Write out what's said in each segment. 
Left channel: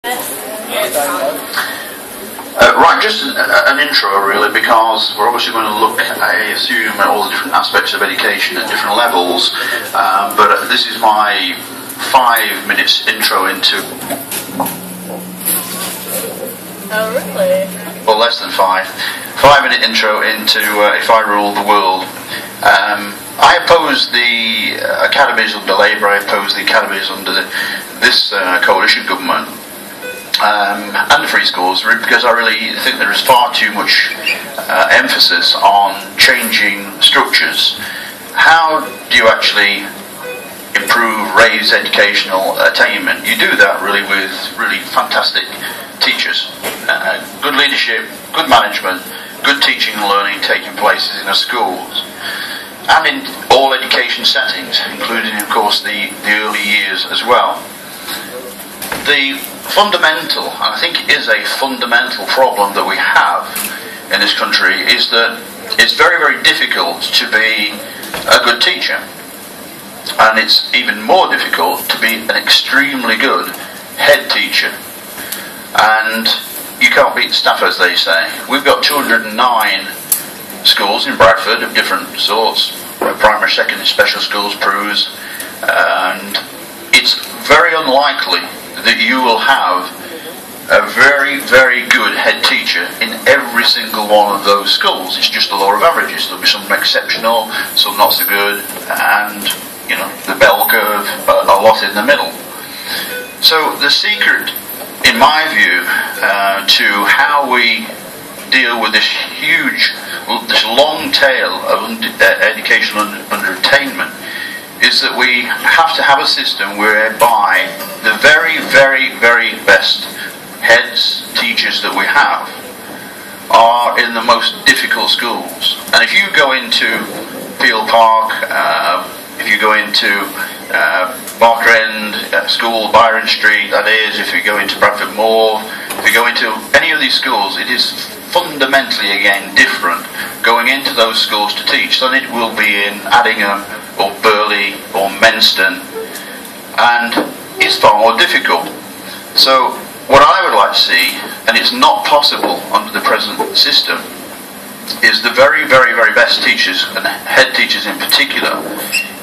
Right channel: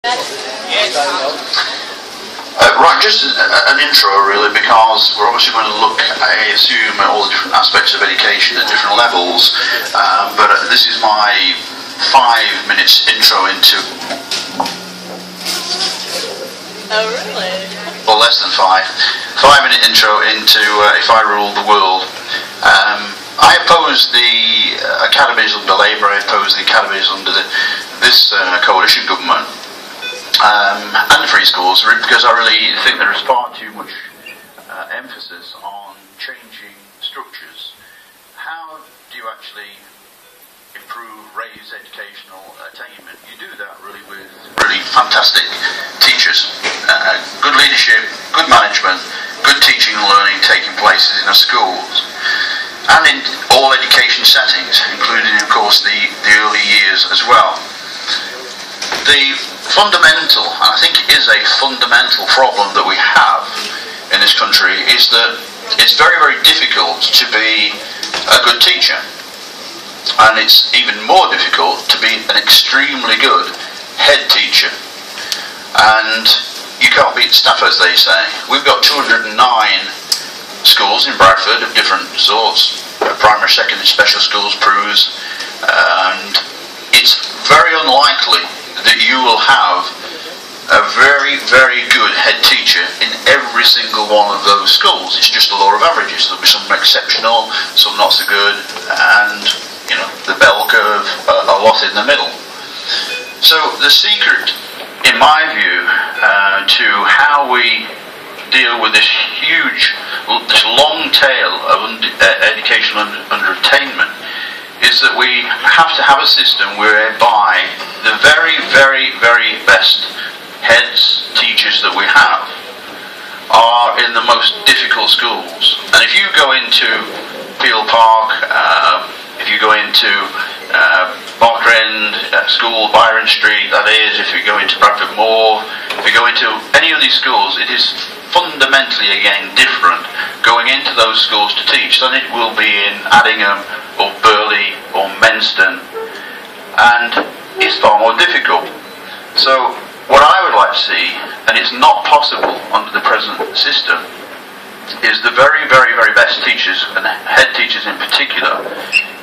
Right, just an intro really, because we're obviously going to look, I assume, at all the different aspects of education at different levels, but this is my 5 minutes intro into... Oh really? Or less than 5. 5 minute intro into If I Ruled the World. I oppose the academies under Labour, I oppose the academies under this coalition government. And free schools, because I really think there is far too much emphasis on changing structures. How do you actually improve, raise educational attainment? You do that really with really fantastic teachers, good leadership, good management, good teaching and learning taking place in the schools, and in all education settings, including of course the early years as well. The fundamental, and I think it is a fundamental problem that we have in this country, is that it's very, very difficult to be a good teacher, and it's even more difficult to be an extremely good head teacher. And you can't beat staff, as they say. We've got 209 schools in Bradford of different sorts, primary, secondary, special schools, PRUs, and it's very unlikely that you will have a very, very good head teacher in every single one of those schools. It's just the law of averages. There'll be some exceptional, some not so good, and you know, the bell curve, a lot in the middle. So the secret, in my view, to how we deal with this huge, this long tail of educational underattainment is that we have to have a system whereby the very, very, very best heads, teachers that we have are in the most difficult schools. And if you go into Peel Park, if you go into Barker End School, Byron Street, that is, if you go into Bradford Moor, if you go into any of these schools, it is fundamentally again different going into those schools to teach than it will be in Addingham or Burley or Menston, and it's far more difficult. So what I would like to see, and it's not possible under the present system, is the very, very, very best teachers, and head teachers in particular,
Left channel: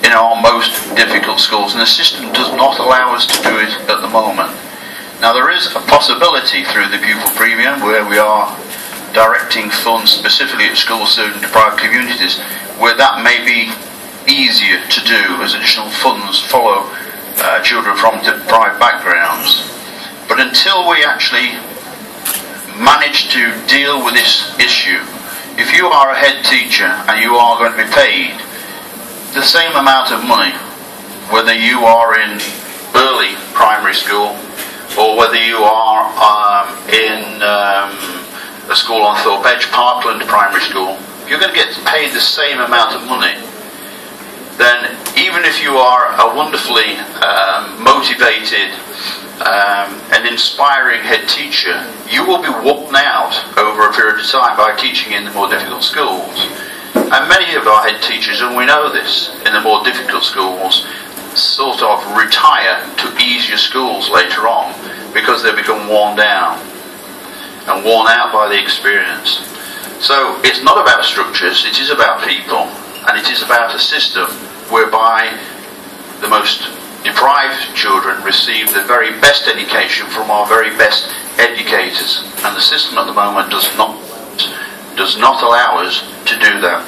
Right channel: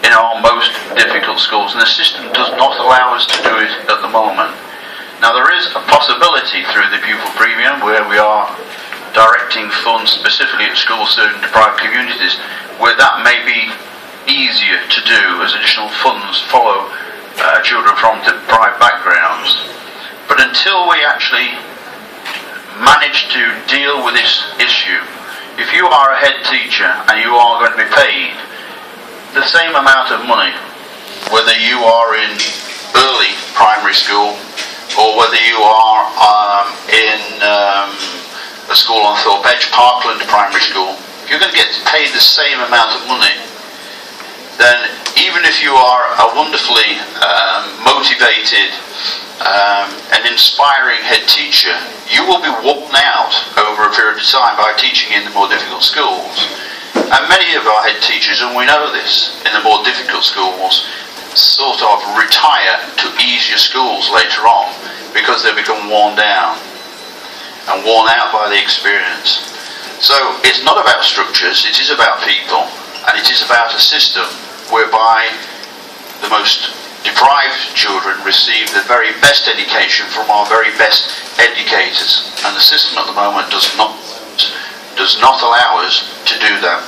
in our most difficult schools, and the system does not allow us to do it at the moment. Now there is a possibility through the pupil premium where we are directing funds specifically at schools serving deprived communities, where that may be easier to do as additional funds follow children from deprived backgrounds. But until we actually manage to deal with this issue, if you are a head teacher and you are going to be paid the same amount of money, whether you are in early primary school or whether you are in a school on Thorpe Edge, Parkland Primary School, if you're going to get paid the same amount of money, then even if you are a wonderfully motivated and inspiring head teacher, you will be worn out over a period of time by teaching in the more difficult schools. And many of our head teachers, and we know this, in the more difficult schools, sort of retire to easier schools later on because they become worn down and worn out by the experience. So it's not about structures, it is about people, and it is about a system whereby the most deprived children receive the very best education from our very best educators, and the system at the moment does not allow us to do that.